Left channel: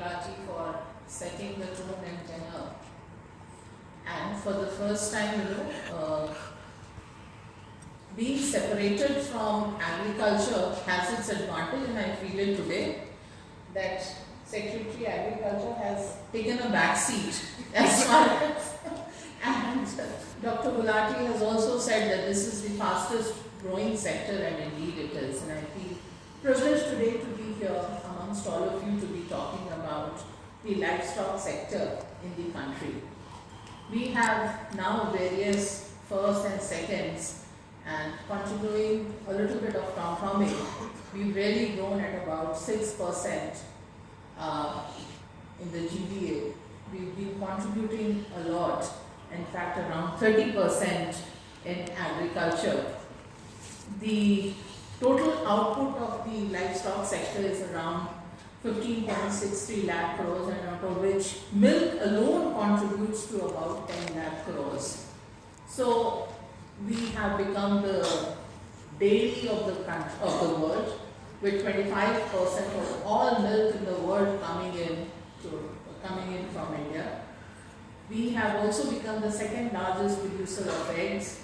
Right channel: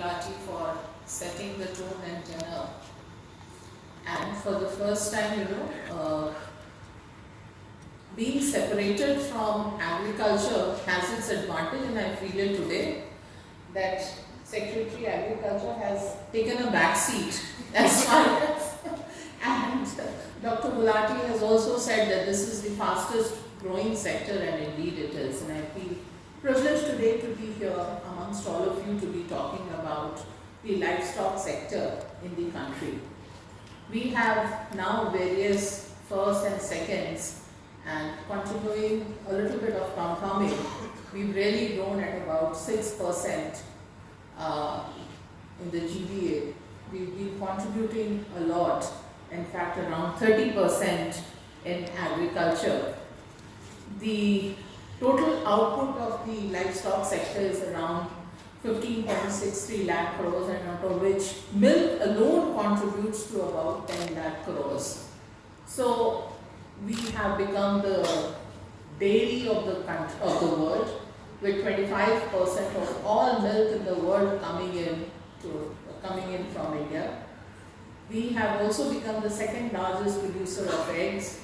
Gulati for setting the tone and tenor. And for the first time, being separated from agriculture has its advantage, and I feel it today that Secretary Agriculture has taken a back seat as far as, and Dr. Gulati has also said that this is the fastest growing sector, and indeed it is. And I feel privileged today to be here amongst all of you to be talking about the livestock sector in the country. We have now various firsts and seconds, and continuing a little bit of compounding, we've really grown at about 6% in the GVA. We've been contributing a lot, in fact around 30% in agriculture. The total output of the livestock sector is around 15.63 lakh crores, and out of which milk alone contributes to about 10 lakh crores. So we have become the dairy of the world, with 25% of all milk in the world coming in from India. We have also become the second largest producer of eggs,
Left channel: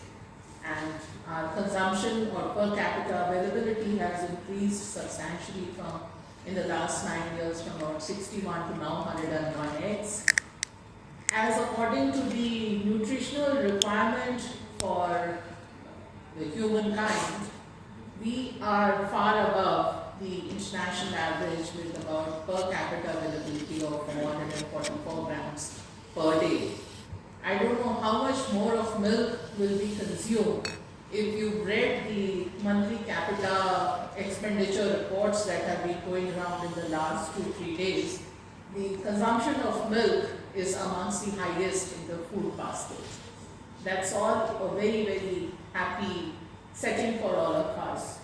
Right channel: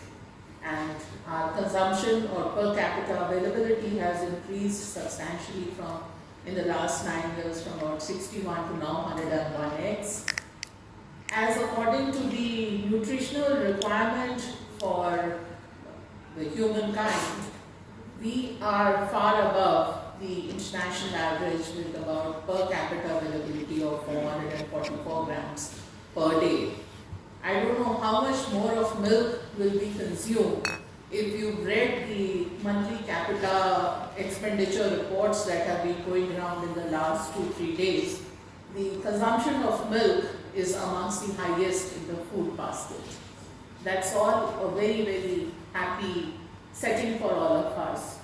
and our consumption or per capita availability has increased substantially in the last 9 years from about 61 to now 101 eggs. As according to the nutritional requirement for the humankind, we are far above the international average with about per capita availability of 444 grams per day. I don't know how much more of milk will be consumed. If you've read the monthly capita expenditure reports that have been going around in the last 2-3 days, the consumption of milk is amongst the highest in the food basket. That's all a very, very happy setting for all of us.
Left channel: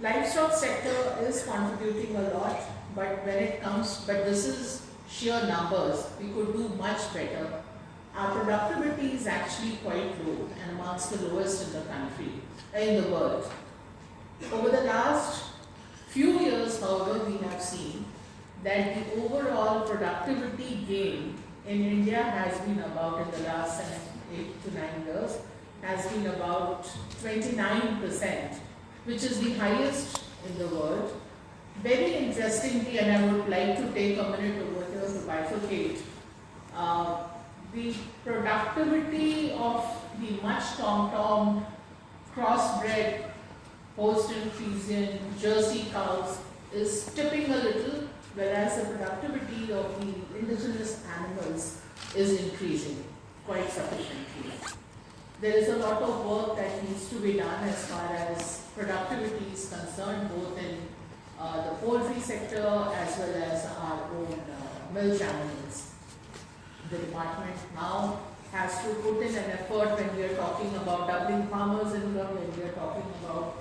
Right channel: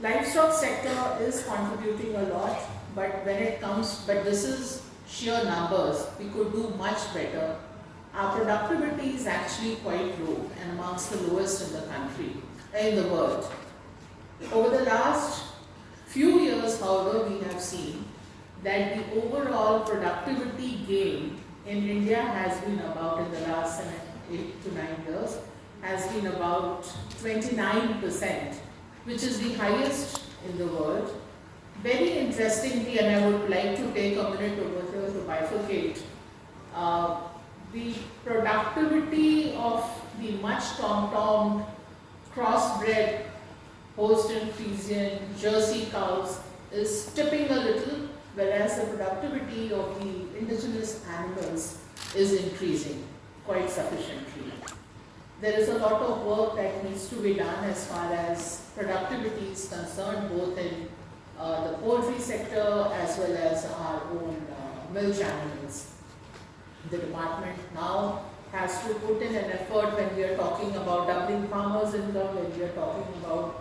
Livestock sector is contributing a lot, but this is sheer numbers. We could do much better. Our productivity is actually quite low and amongst the lowest in the world. Over the last few years, however, we have seen that the overall productivity gain in India has been about, in the last 8 to 9 years, has been about 29%, which is the highest in the world. Very interestingly, and I would like to take a minute over here to bifurcate, the productivity of the much tom-tommed, crossbred, Holstein Friesian, Jersey cows is tipping a little, whereas the productivity of the indigenous animals is increasing quite sufficiently. There is a lot of work that needs to be done as far as productivity is concerned, both in the poultry sector as well as our own milch animals. The department now has to put in an effort when we are talking about doubling farmers' income, when we are talking about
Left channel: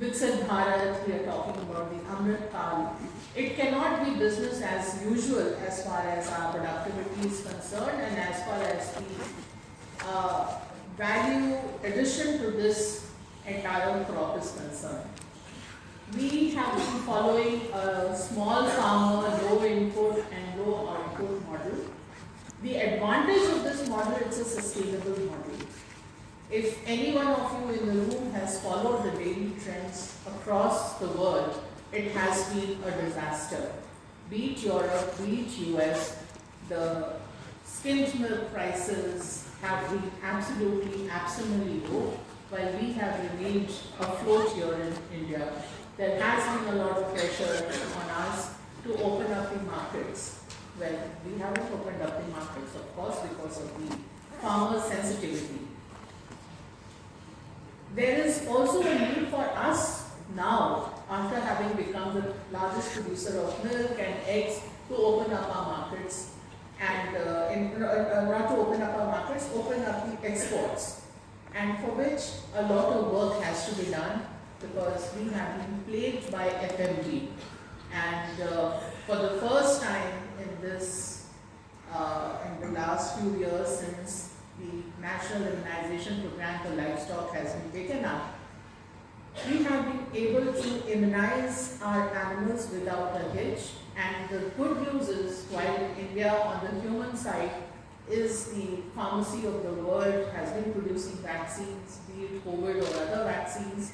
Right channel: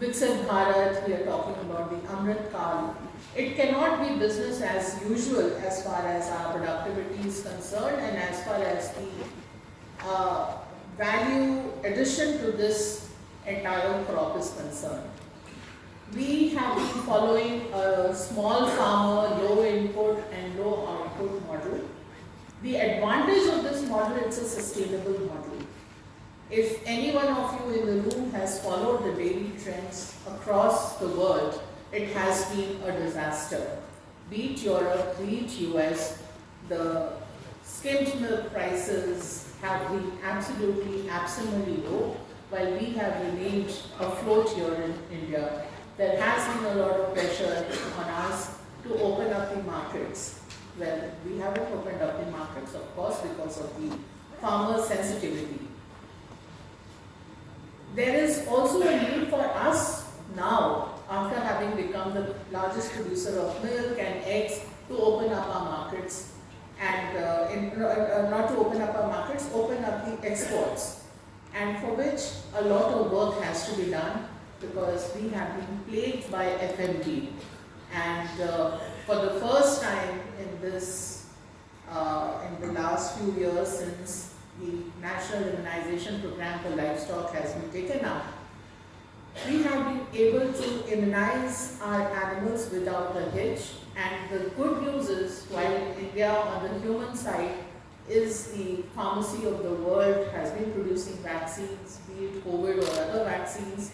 ViksitBharat, we are talking about the Amrit Kal. It cannot be business as usual as far as our productivity is concerned, and as far as the value addition to this entire crop is concerned. We have been following a small farmer, low input and low output model. The advantage of this model, it's a sustainable model. If any one of you in the room has followed the daily trends across the world, it has been a disaster. Be it Europe, be it US, the skimmed milk prices have been absolutely low, while we have remained afloat here in India. There has been a lot of pressure on us to open up the markets. Well, we haven't opened up the markets, of course, because of the farmer sensitivity. There is also a need for us now, after having become the largest producer of milk and eggs, to open up our markets, and not to open up our markets, open up the exports, and for which a lot of work has to be done, because we have been plagued by FMD, and for the first time in the last few years, since the National Immunization Program for Livestock has been taken up, We have been able to immunize our animals without a hitch, and the good news is, while India on the human side is the pharmacy of the world, has been producing vaccines, be it COVID or other vaccines,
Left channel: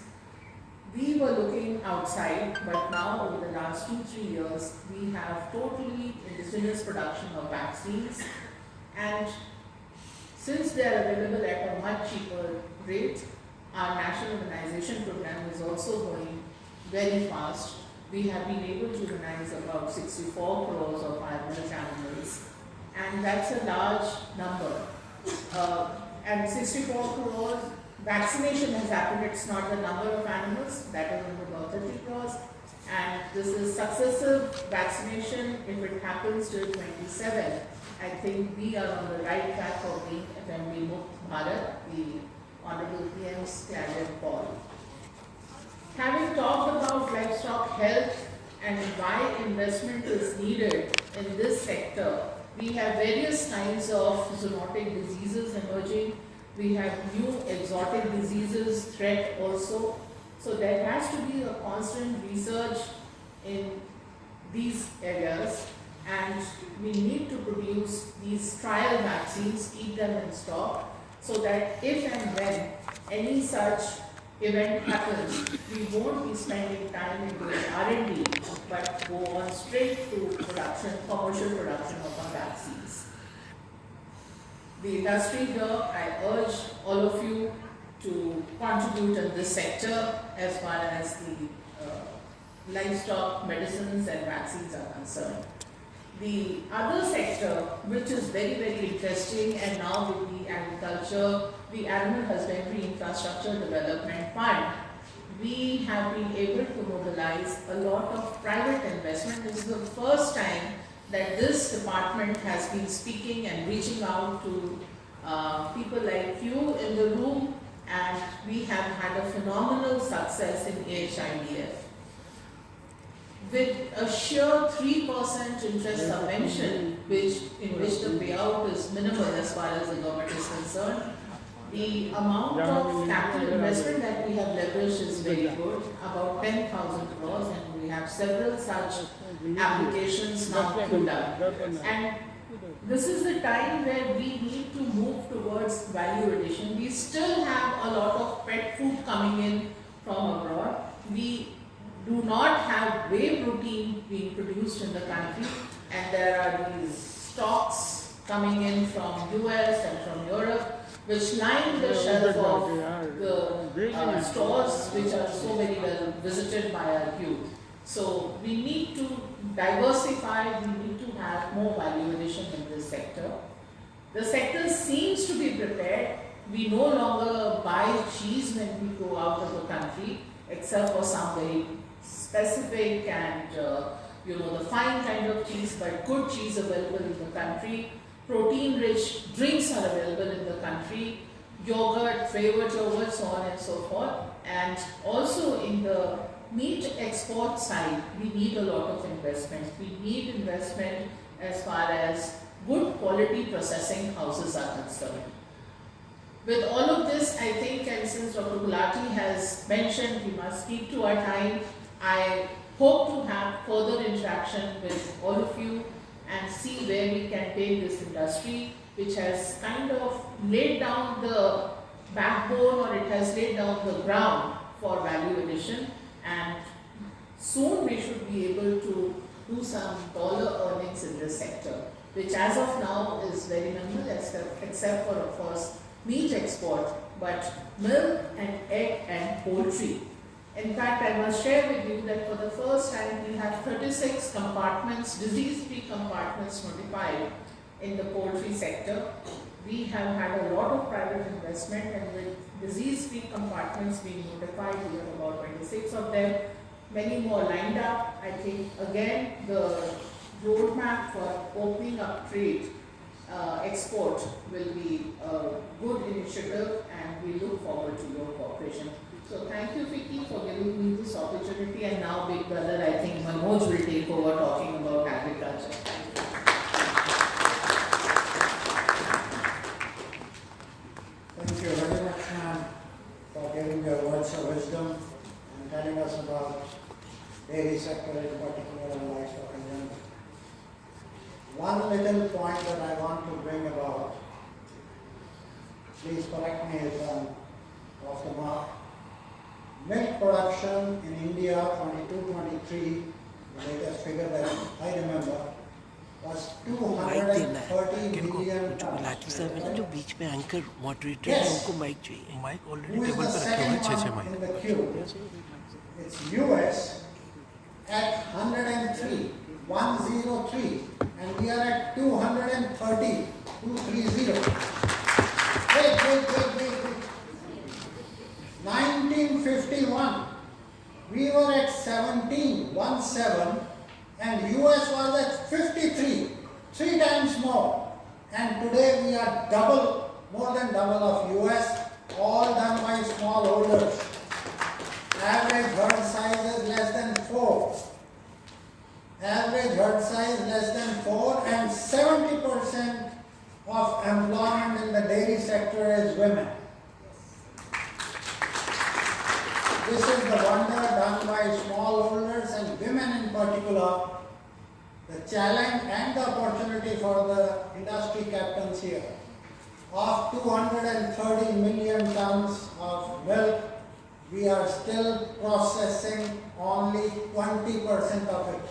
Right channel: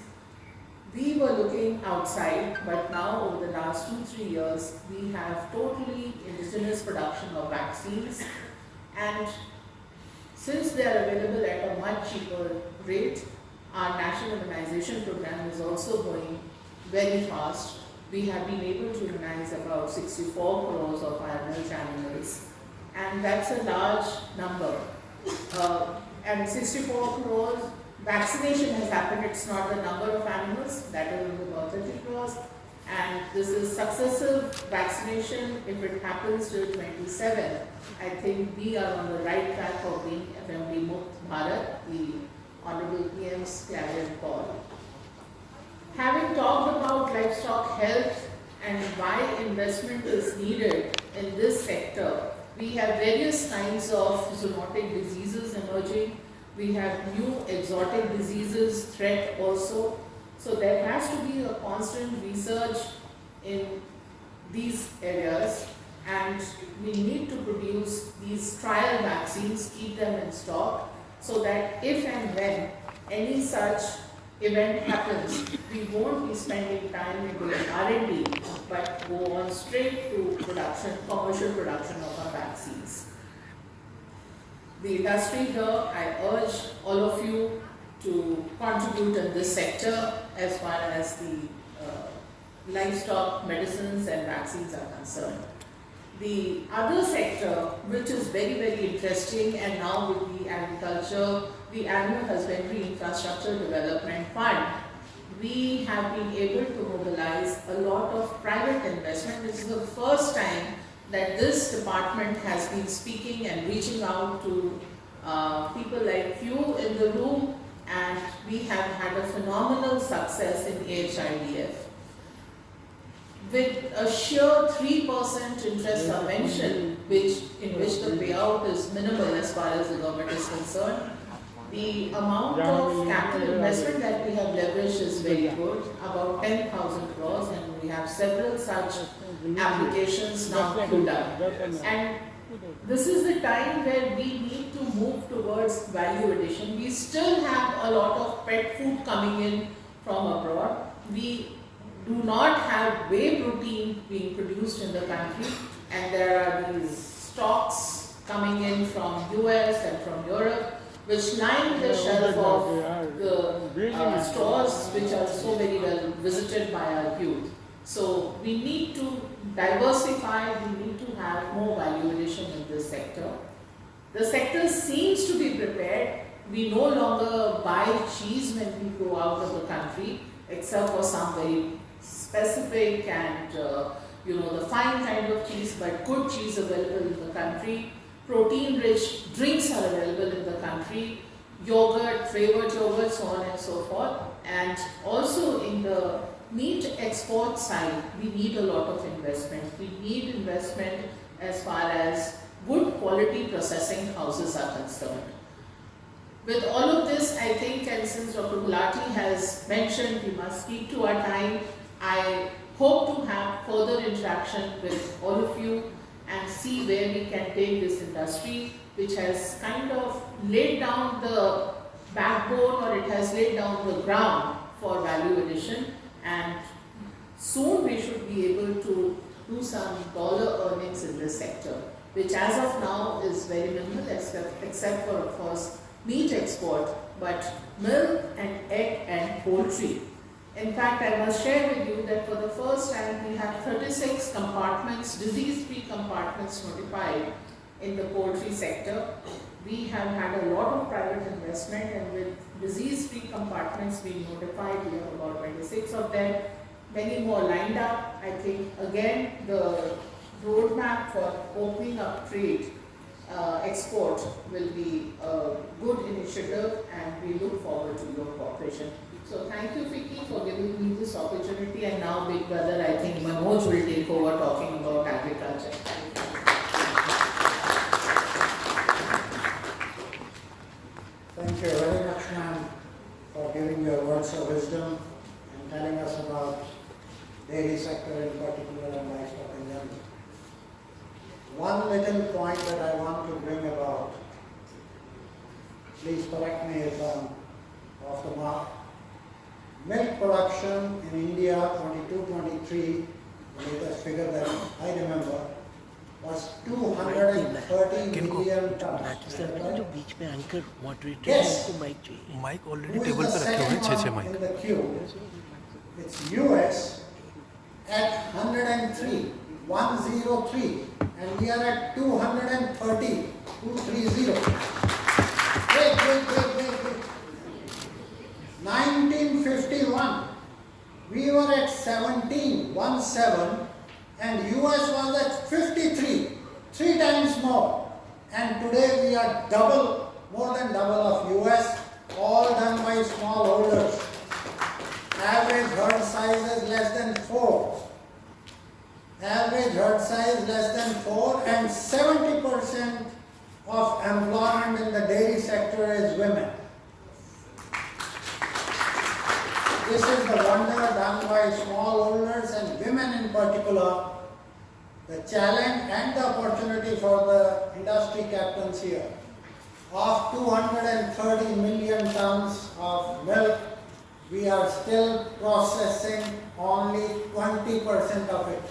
we were looking outside, but now over the last 2-3 years, we have totally indigenous production of vaccines, and since they are available at a much cheaper rate, our national immunization program is also going very fast. We have been able to immunize about 64 crores of average animals, and that's a large number. And 64 crores vaccination has happened, it's not the number of animals, that is about 30 crores. And this is successive vaccination. If it happens till 27, I think we are on the right track of being ViksitBharat, the Honorable PM's clarion call. Having talked about livestock health and why investment is needed in this sector, we have various kinds of zoonotic diseases emerging. We have new exotic diseases threat also. So there has to be a constant research in these areas, and we need to produce these trial vaccines, keep them in stock, so that if and when any such event happens, we won't be spending time in doing R&D, but go on straight to production, commercial production of our vaccines. The industry here, I urge all of you to contribute in this sector as far as the livestock medicines and vaccines are concerned. The other sector, which is very, very interesting, and now with the agriculture, the Animal Husbandry Infrastructure Development Fund, we have been able to mobilize a lot of private investment. This is the first time that this department has been speaking and reaching out to people like you in the room, and we have had a phenomenal success in AHIDF. With a sheer 3% interest subvention, in which the payout is minimal as far as the government is concerned, the amount of capital investment that we have leveraged is very good, about 10,000 crores, and we have several such applications now queued up. And this is the time where we need to move towards value addition. We still have a lot of pet food coming in from abroad. We do not have whey protein being produced in the country, and there are these stocks coming in from US and from Europe, which line the shelf of the stores which are so very well visited by our youth. So we need to diversify, we need to have more value addition in this sector. The sector seems to be prepared. We no longer buy cheese when we go out of the country, except for some very specific and the fine kind of cheese, but good cheese available in the country. Protein-rich drinks are available in the country, yogurt, flavored yogurt, so on and so forth. And also in the meat export side, we need a lot of investment. We need investment as far as good quality processing houses are concerned. With all of this, I think, and since Dr. Gulati has mentioned we must speak to our time, I hope to have further interaction with all of you and see where we can take this industry, which has kind of laid down the backbone, or it has laid down the ground for value addition, and soon we should be able to do some dollar earnings in this sector, which as of now is very minimal, except for, of course, meat export, but milk and egg and poultry. In fact, I must share with you that for the first time we have 36 compartments, disease-free compartments notified in the poultry sector. We have had a lot of private investment, and with disease-free compartments being notified, we have about 26 of them, many more lined up. I think again the roadmap for opening up trade, export will be a good initiative, and we look forward to your cooperation. So thank you, FICCI, for giving me this opportunity, and now Big Brother, I think Manoj will take over talking about agriculture. Thank you very much, ma'am, for giving your words of wisdom. correct me if I'm off the mark. Milk production in India 22-23, the latest figure that I remember, was 230 million tons. बीच में anchor moderator Yes. उनको mic चाहिए mic Who already is table the पे रखे हैं second 6 one mic. in the queue? It's US at 103, 103, and we are at 230, 230. Wait. 1951, we were at 17, 17, and US was at 53, 3 times more. And today we are double, more than double of US, all done by smallholders. Average herd size is less than 4. Average herd size less than 4, and 70% of employment in the dairy sector is women. This is the wonder done by smallholders and women in particular. The challenge and the opportunity for the industry captains here. Of 230 million tons of milk, we are still processing only 20% of it.